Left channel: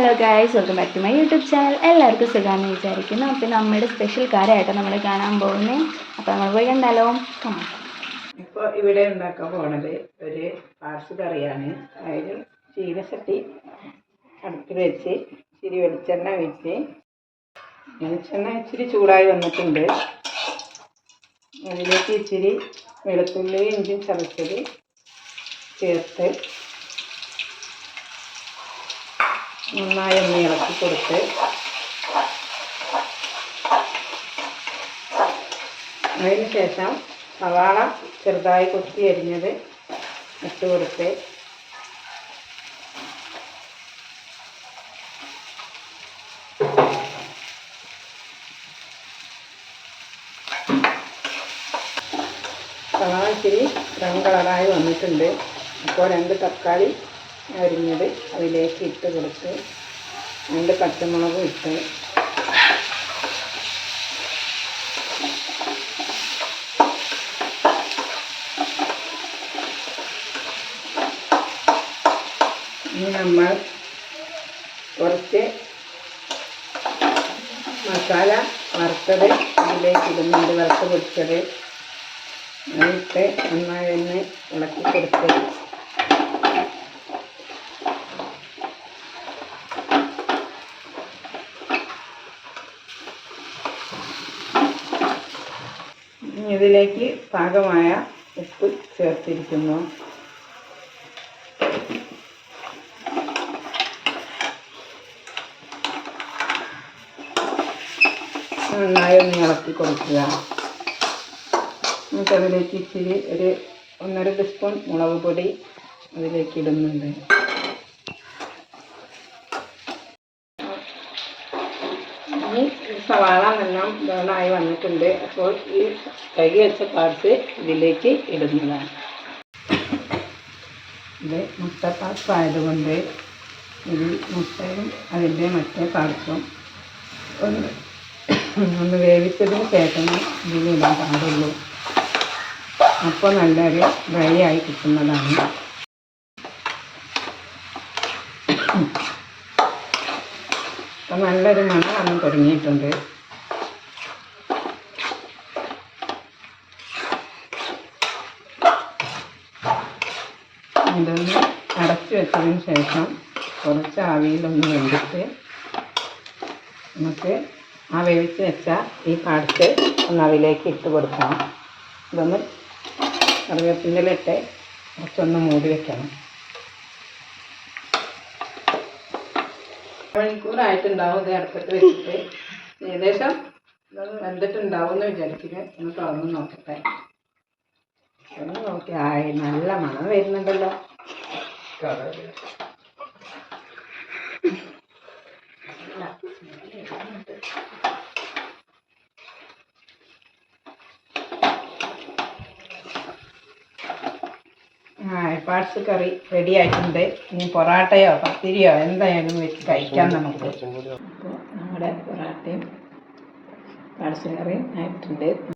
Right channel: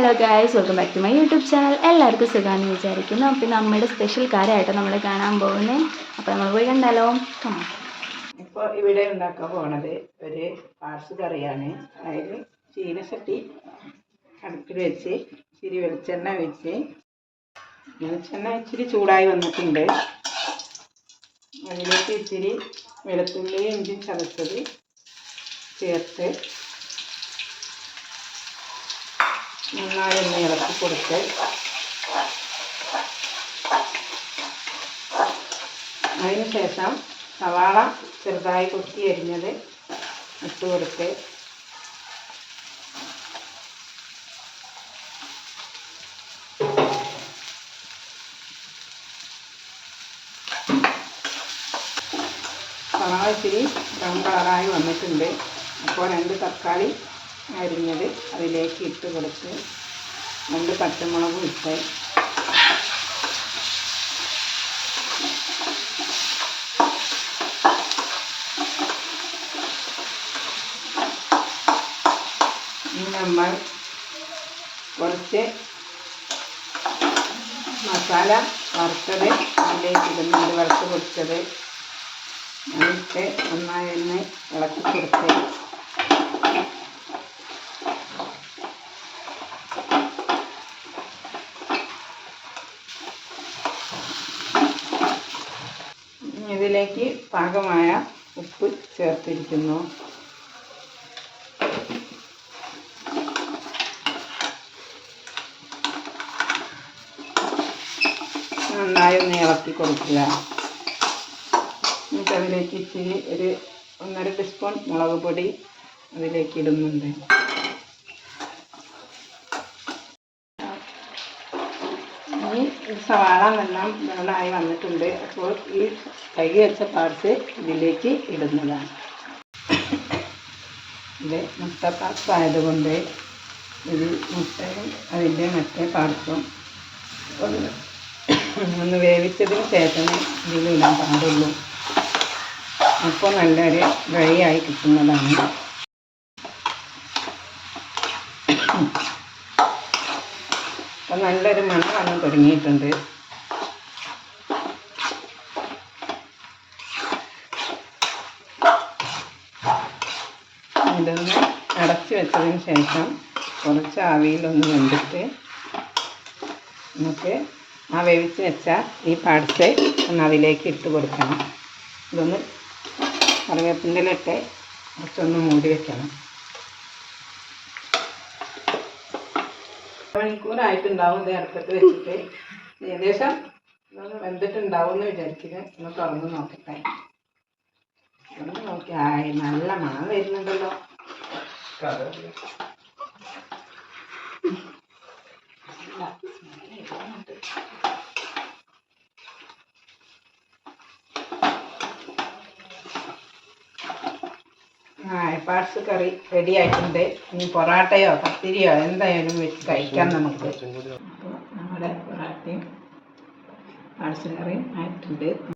Hello guys welcome back to my YouTube channel എല്ലാവർക്കും സുഖമാണെന്ന് വിചാരിക്കുന്നു. അപ്പോൾ നമ്മുടെ സ്പെഷ്യൽ കാര്യമായിട്ട് നമ്മൾ കാണാൻ പോകുന്നത് അപ്പോൾ നമ്മൾ പോയി കണ്ടാലോ? കമാ ഇപ്പോൾ ഇവിടെ ഉണ്ടാക്കാൻ പോണത് ഒരു പാർസ് കറിയാണ്. അതായത് ചീനച്ചട്ടി അടുപ്പിൽ വെച്ച് ഇച്ചിരി വെളിച്ചെണ്ണ വെച്ച് വെളിച്ചെണ്ണ ഇച്ചിരി ചൂടായി വന്നിട്ടുണ്ട്. അതിലേക്ക് ഇച്ചിരി വെളുത്തുള്ളി ഇഞ്ചി ചതച്ചത് ചേർത്ത് നന്നായി ഒന്ന് ഇളക്കി കൊടുത്ത് അതിന് ശേഷം സവാള ചെറുതായി കൊത്തി അരിഞ്ഞത് ഇട്ട് കൊടുത്ത് സവാള ഇച്ചിരി ബ്രൗൺ കളറായി വന്നിട്ടുണ്ട്. അപ്പോൾ രണ്ട് തക്കാളി അരിഞ്ഞത് അതിലേക്ക് ഇട്ട് കൊടുത്ത് രണ്ട് പച്ചമുളകും ഇട്ട് ഇനി നമ്മൾ കുറച്ച് മസാല വറുത്തത് അതിലേക്ക് ഇടുന്നുണ്ട് വറുത്ത് പൊടിച്ചത്. അതിട്ട് നന്നായി ഒന്ന് ഇളക്കി കൊടുത്ത് ഇതിലേക്ക് പാകമായ ഉപ്പ് ചേർത്തിരിക്കുന്നു. നന്നായി ഒന്ന് ഇളക്കി കൊടുക്കുക. എന്നിട്ട് അതിലേക്ക് ഇച്ചിരി ഒരു ഒന്നര ടീസ്പൂൺ മുളക് പൊടി അതിലേക്ക് ഇടുന്നുണ്ട്. ഒരു സവാള എല്ലാം ബ്രൗണായി വന്നിട്ടുണ്ട്. അപ്പോൾ ഈ കഴുകി വെച്ച പാർട്സ് ഇതിലേക്ക് ഇടുന്നതാണ്. ഇത് മുട്ട പാർട്സ് ആയതുകൊണ്ട് ഇത് മുട്ടയും അതിന്റെ മറ്റേ പാർട്സും ഒന്ന് ഒന്ന് വേവിച്ചതിന് ശേഷമേ ഇതിലിടാൻ പാടുള്ളൂ. അപ്പോൾ നല്ലൊരു ഡ്രൈ ആയി കിട്ടുന്നതാണ്. നല്ലൊരു മണം വന്ന് തുടങ്ങിയിട്ടുണ്ട്. ഇതൊന്ന് അടച്ചു വെച്ചതിന് ശേഷം കുറച്ച് ആവിയിലൊന്ന് വെന്തിട്ട് നമുക്ക് ആ വേവിച്ച് വെച്ച ഈ പാർട്സ് ഒന്ന് അതിലേക്ക് ഇട്ട് കൊടുക്കണം. ഇതൊന്ന് കറിവേപ്പിന്റെ ഇട്ട് കുറച്ചൊന്ന് മൂടി വെക്കണം. മണിക്കൂറായിട്ടുണ്ടാവും ഇത് അടുപ്പത്ത് വെച്ചിട്ട്. ഏകദേശം ഇതൊന്ന് വെന്തിട്ടുണ്ടാവും എന്ന് വിചാരിക്കുന്നത് ഒന്ന് തുറന്ന് നോക്കട്ടെ. ഒന്ന് നോക്കി. ആയി നല്ല മണം വരുന്നുണ്ടല്ലോ. ആ പാർട്സ് കറി റെഡിയായിട്ടുണ്ട് ഇനി പൊറാട്ടയോ പത്തിരിയോ എന്തായാലും വെച്ച് കഴിക്കാം നമുക്ക്. അപ്പോൾ നമ്മുടെ പൊറാട്ടയും പാർസ് കറിയും ആയിട്ടുണ്ട്.